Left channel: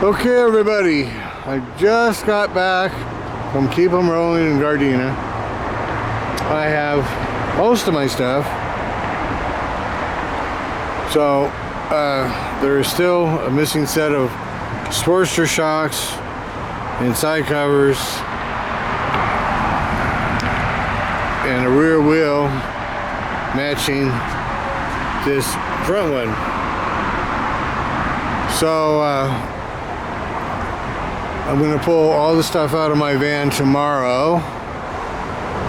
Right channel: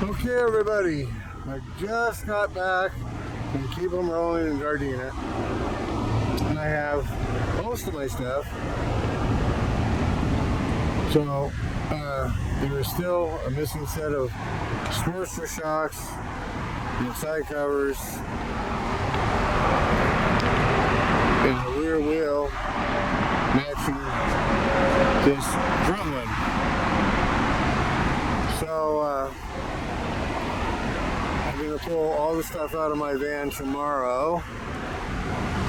Okay, everybody, I just got back from Keep 'em Rolling in Gardena. I have most of my stuff, so there is still a missing set of Sportster shocks and side covers and a rear wheel matching this front one. So I'm going to pull all the stuff out of my van tomorrow,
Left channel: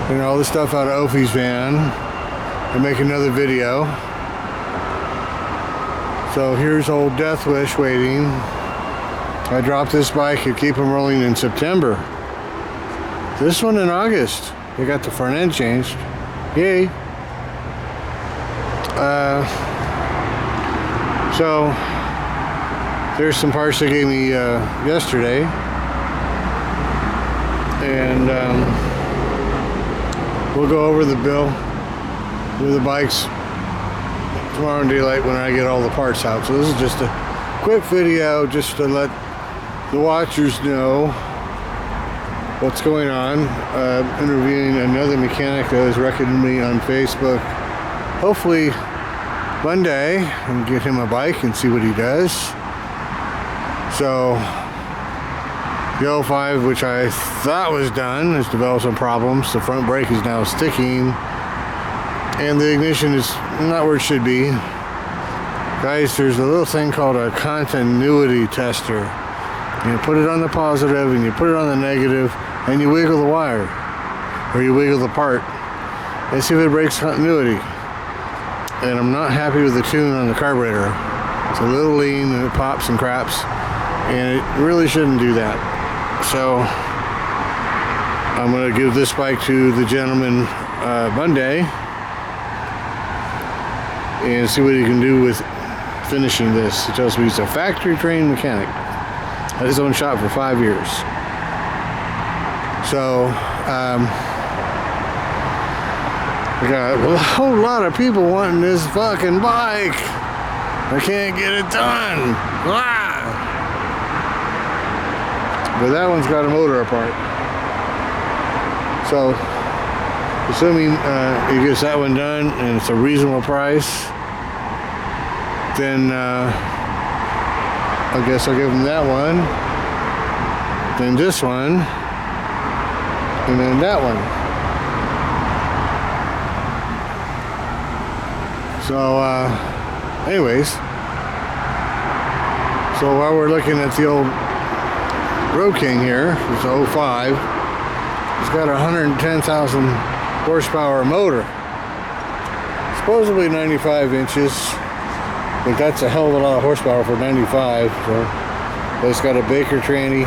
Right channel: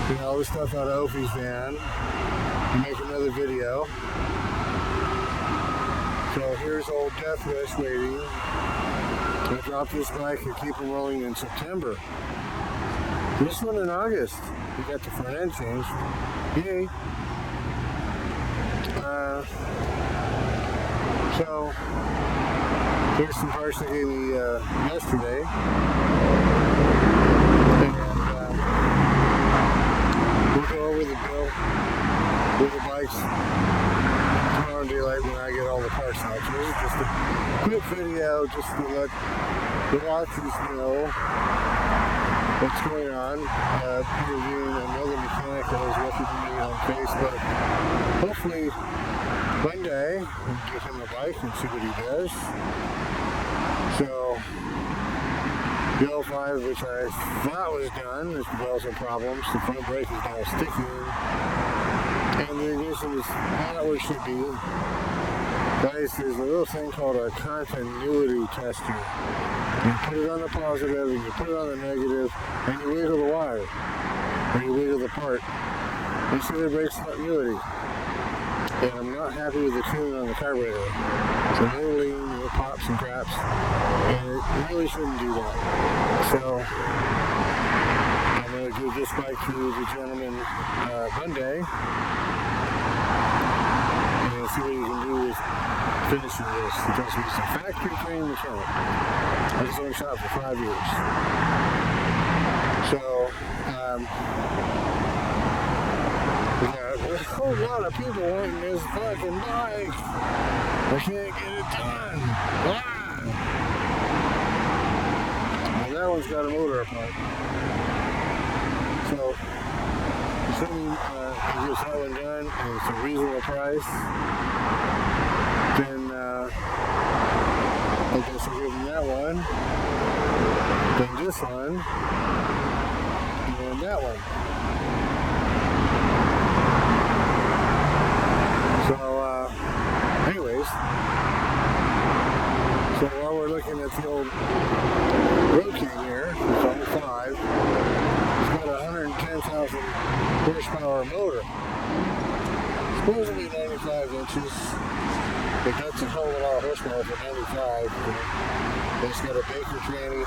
and all the stuff out of Opie's van, and make another video. So here's old Death Wish waiting. I dropped this bike and Keep 'em Rolling in September. This one in August. They got the front end changed. Yay! So there's some parts they gave me yesterday, and we'll go over the bill with the bikes tomorrow in daylight when I get all the parts out. So this is just a quick video just to let the watchers know what's going on. Interviewing another mechanic that was recommending me on Facebook. Hopefully one day and get him a bike and see what he does. So the 05, which I thought was done, has developed some problems. The front brake is now sticking, and the ignition is not where it should be. Guys, there's a little thing called a continuity tester. You put it on the positive and you put it on the negative, and you wiggle the wire, or you wiggle the part, and see if it breaks continuity. And I'm not happy with the tune on the carburetor. It's a little lean and it pops and craps, and it really shouldn't do that. So I'm going to give this bike to the gentleman Monday and see what he can do with finishing this. He tells me he's a factory trained mechanic at his own shop for 5 years. So we got a whole lot of people wanting this fucking bike. I can't get it done. Ah! But that one's got a motor apart. So, assuming he gets that one done and it's a reasonable price, then I guess I'll give him that one, then this one, and then that one. So, anyways, so while we're looking at the old Road King here, it's a 05, it's got a 110,000 horsepower motor, supposedly 95 inches, but that's a hell of a lot of horsepower for 95. So, but it's got a Baker tranny,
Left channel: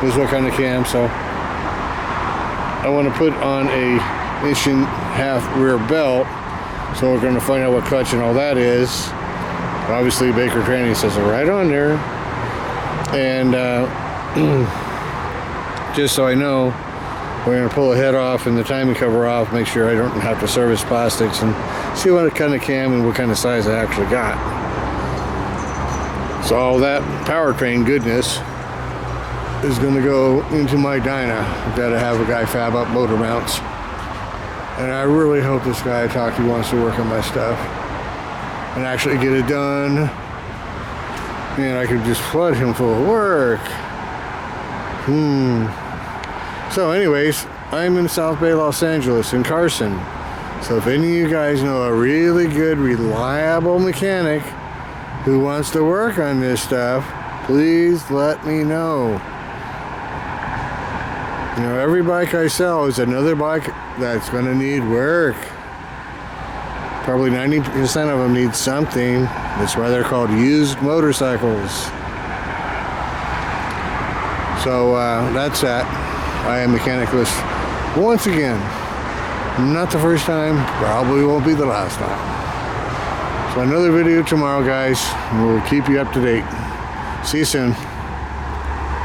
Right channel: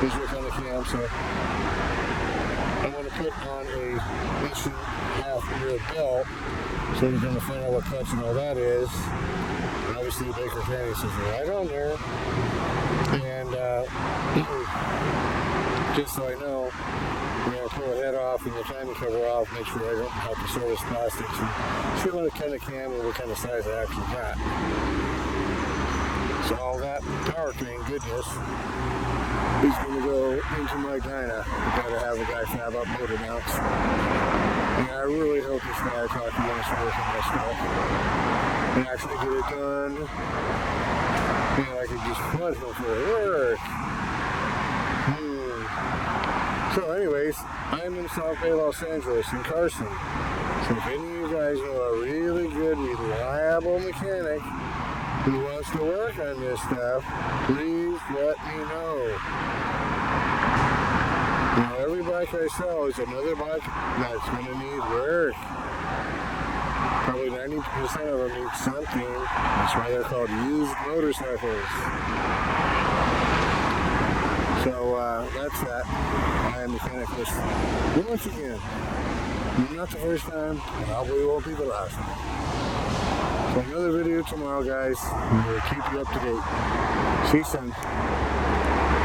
this is what kind of cam. So I want to put on a 1.5-inch rear belt. So we're going to find out what clutch and all that is. Obviously Baker Tranny says it right on there. And just so I know, we're going to pull the head off and the timing cover off, make sure I don't have to service plastics, and see what kind of cam and what kind of size I actually got. So all that powertrain goodness is going to go into my dyno. I've got to have a guy fab up motor mounts. And I really hope this guy I talked to wants to work on my stuff and actually get it done. And I can just flood him full of work. So anyways, I'm in South Bay, Los Angeles, in Carson. So if any of you guys know a really good, reliable mechanic who wants to work on this stuff, please let me know. You know, every bike I sell is another bike that's going to need work. Probably 90% of them need something. That's why they're called used motorcycles. So that's that. I am Mechanicless once again. Not the first time, probably won't be the last time. So another video tomorrow, guys, and we'll keep you up to date. See you soon.